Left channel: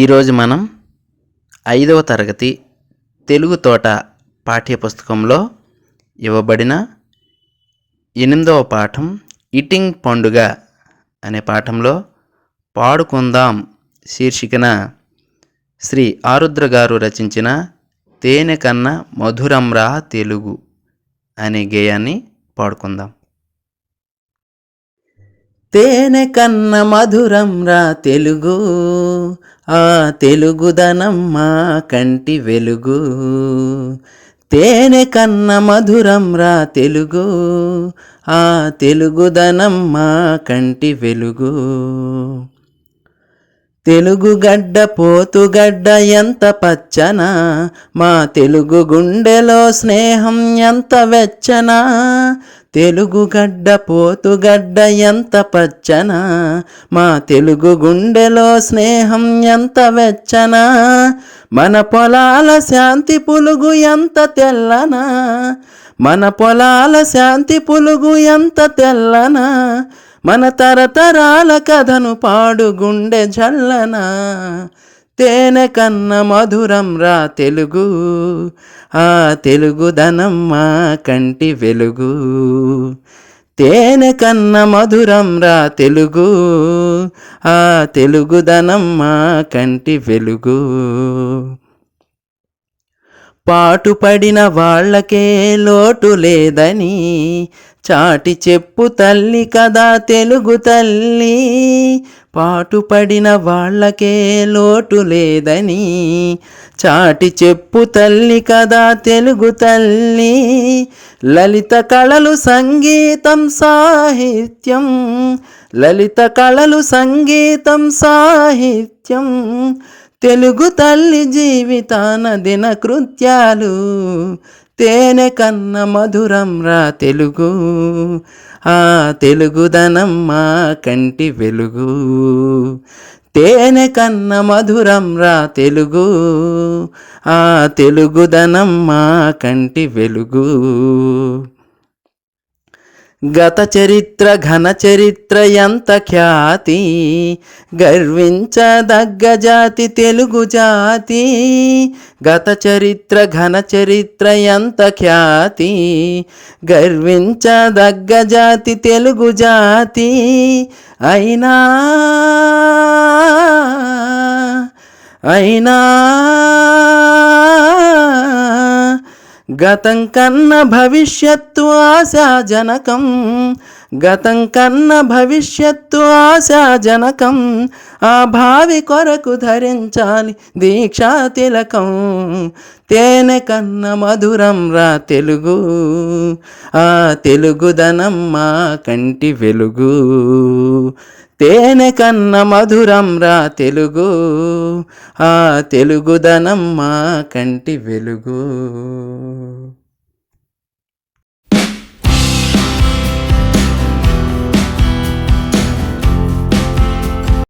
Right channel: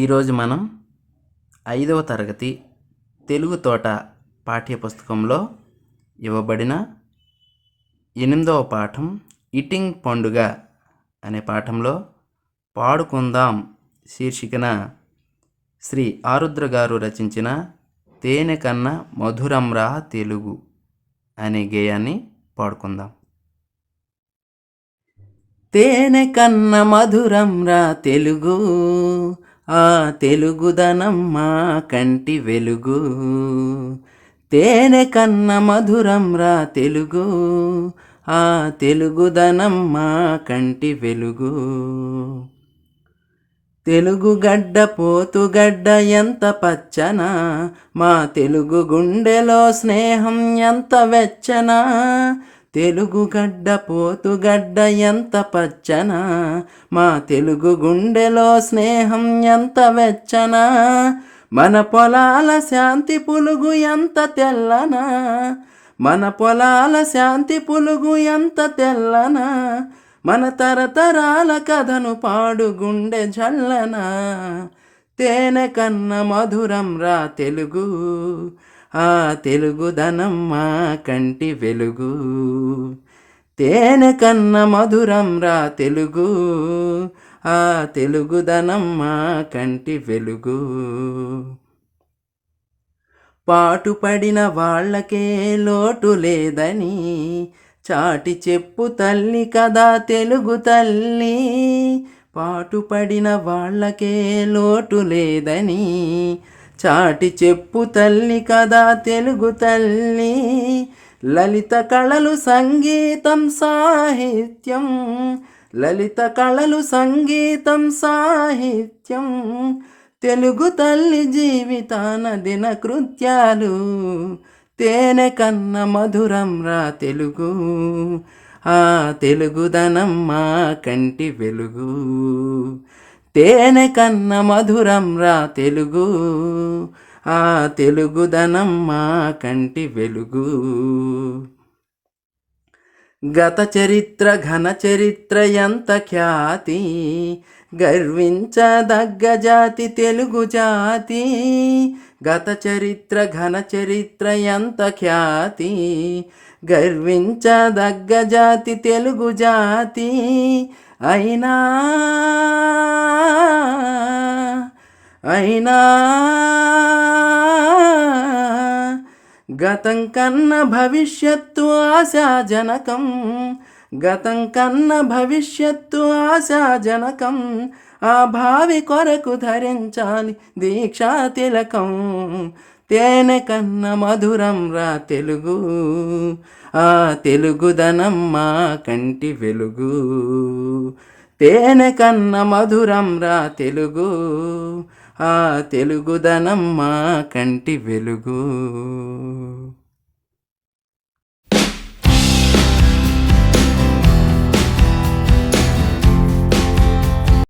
ఈరోజు మనం 5వ తరగతి తెలుగు తోట పాఠ్యపుస్తకంలో ఇవ్వబడిన 8వ పాఠం ఈటింగ్ పండుగ అనే పాఠంలో పాడుకుందాం శీర్షికన శ్రీ ఆరుద్ర గారు రచించిన తేనె కన్న మధురంరా తెలుగు అనే గేయాన్ని పాడుకుందాం. తేనె కన్న మధురంరా తెలుగు, ఆ తెలుగుదనం మా కంటి వెలుగు. తేనె కన్న మధురంరా తెలుగు, ఆ తెలుగుదనం మా కంటి వెలుగు. తెలుగు గడ్డ పోతుగడ్డ ఎంత పచ్చన, మా తెలుగు గుండెలో స్నేహం ఎంత వెచ్చన. తెలుగు గడ్డ పోతుగడ్డ ఎంత పచ్చన, మా తెలుగు గుండెలో స్నేహం ఎంత వెచ్చన. మన పొలాల శాంతి పులుగు ఎంత తెల్లనా, మన పొలాల శాంతి పులుగు ఎంత తెల్లనా. మన తరతరాల కథను పాడు గుండె జల్లన. తేనె కన్న మధురంరా తెలుగు, ఆ తెలుగుదనం మా కంటి వెలుగు. తేనె కన్న మధురంరా తెలుగు, ఆ తెలుగుదనం మా కంటి వెలుగు. పాటుపడిన వాళ్ళకే లోటు లేదని చాటి చెప్పు తల్లి కదా తెలుగు తల్లి. పాటుపడిన వాళ్ళకే లోటు లేదని చాటి చెప్పు తల్లి కదా తెలుగు తల్లి. లలిత కళలు సంగీతం సాహిత్యం, లలిత కళలు సంగీతం సాహిత్యం. తెలుగు తల్లి జీవితాన దిన కృత్యాలు. తేనె కన్న మధురంరా తెలుగు, ఆ తెలుగుదనం మా కంటి వెలుగు. తేనె కన్న మధురంరా తెలుగు, ఆ తెలుగుదనం మా కంటి వెలుగు. గత చరిత్ర ఘన చరిత్ర ఎంత ఖ్యాతి, గర్వించదగ్గ జాతి తెలుగు జాతి. గత చరిత్ర ఘన చరిత్ర ఎంత ఖ్యాతి, గర్వించదగ్గ జాతి తెలుగు జాతి. అయినా అయినా గతం కన్న భవిష్యత్తు ఆశాజనకం, గతం కన్న భవిష్యత్తు ఆశాజనకం. ఆ భావి కొరకు ధరించాలి దీక్షా తిలకం. తేనె కన్న మధురంరా తెలుగు, ఆ తెలుగుదనం మా కంటి వెలుగు. తేనె కన్న మధురంరా తెలుగు, ఆ తెలుగుదనం మా కంటి వెలుగు.